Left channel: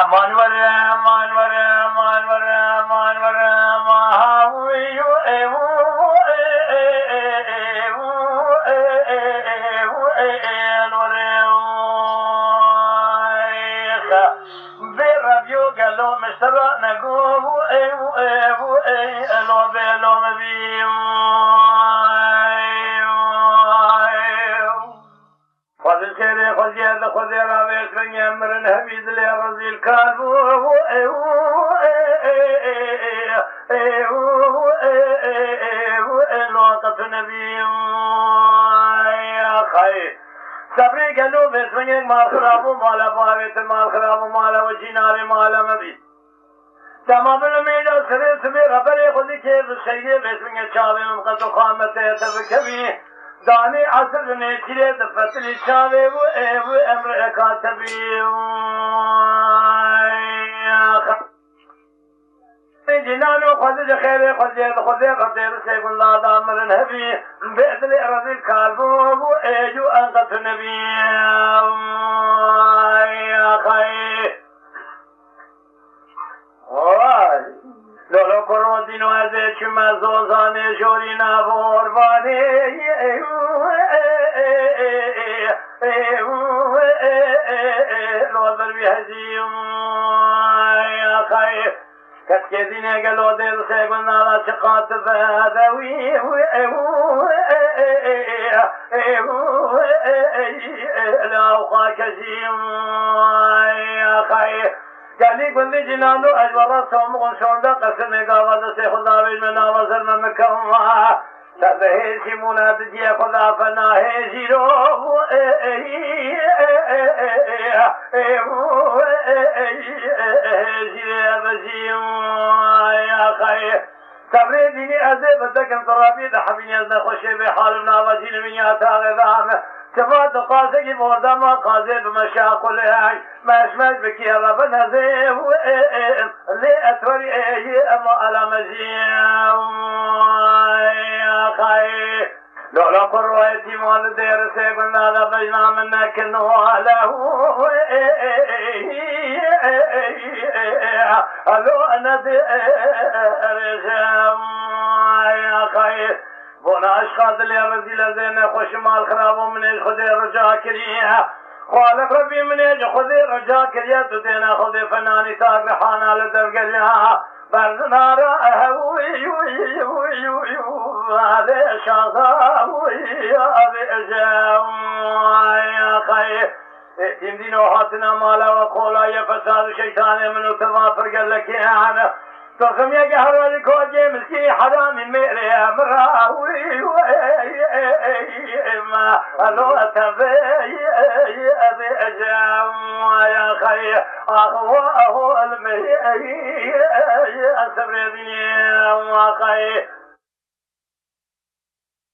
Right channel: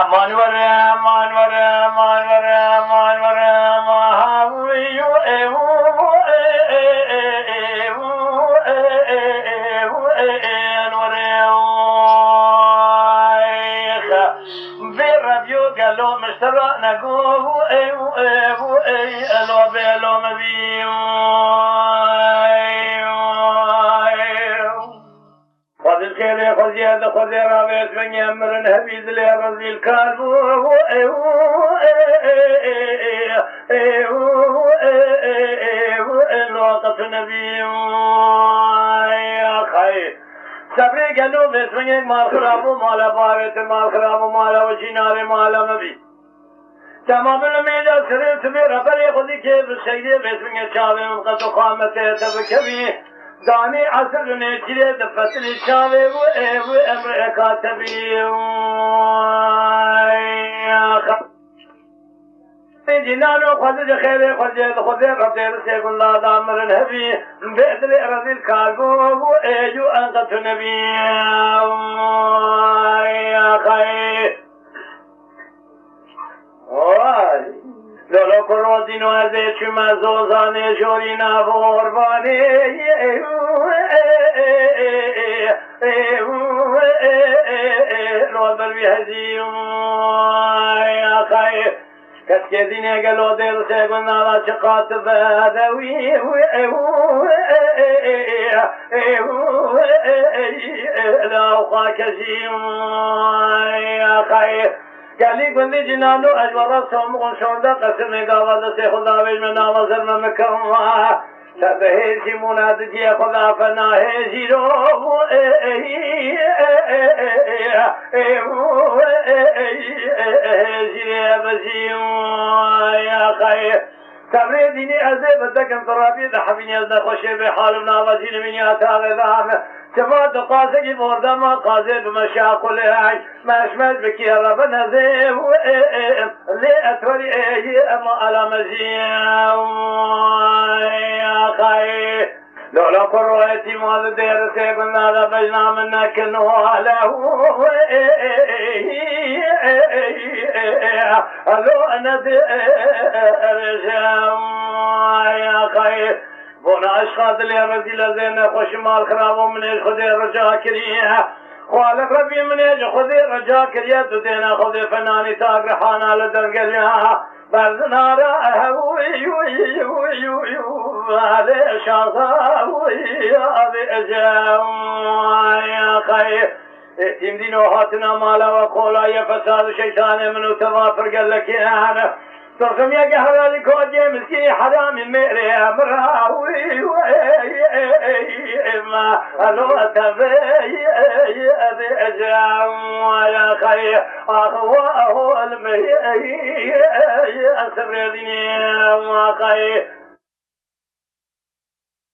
امان وره امان وره امان وره امان وره ماهویو تمام الأميجا سريت بربري خذي كيف الشيء بس من الشاوي وقد قامته تبكمي داني عصر نيجي دفتر الشاوي وأمر كاتبي جنانو خذ خير خذ ربي سيكون لا دامر الهبي بأدل أرض الكاربو وأجو أنت نبي يا خير لولو کرودی نوازه چما زوزانه جوری نبوربانی رودر بیهزیم یا خیر کس که دینه گلو دل سیگون نالا چقات بدوی لاوقا کشیم یا خیر گلی گندی جنانو اجوارا سومون شونده قصر نگاواده سی خدا ویج من آوازر من مکرم سرد هیچی موناد جی خدا فنا هیچی رو هیچی ربزیم یا خیر سبری دینی ازه بدکم ترابی ده حبینی از نخوشه به حال نوازی نمینی آتاق دام كما تقاسي مردا ما قاسي بمشاقل هاي مشمل بكي رب نزيم لي أتوري أما على مزيم يا خي لولا قرويتي مال دير سيبنا لبجنا منك نواله ألو أنا دير يا خي هنا أشخاص اللي رزيلة زينة خوش مال خراب ومن الخذي رجاء كريها خالق ربي من يجي خذي رجاء كريها تدينا خذي فناني تاق رحانا لدرقلها برزنا رأها وي وي وي وي هذا شاطا وي أبي أجام يا خير ائتم دين وحاتنا مالا وقولا يا فساد شيطان منو تغافر قال لك يا أنا ترسم يا قهر لكوجي مسكي حرام المئري مراوي ما ألو أتبي أبي أجام يا خي أخوة المي أسر الدنيا خي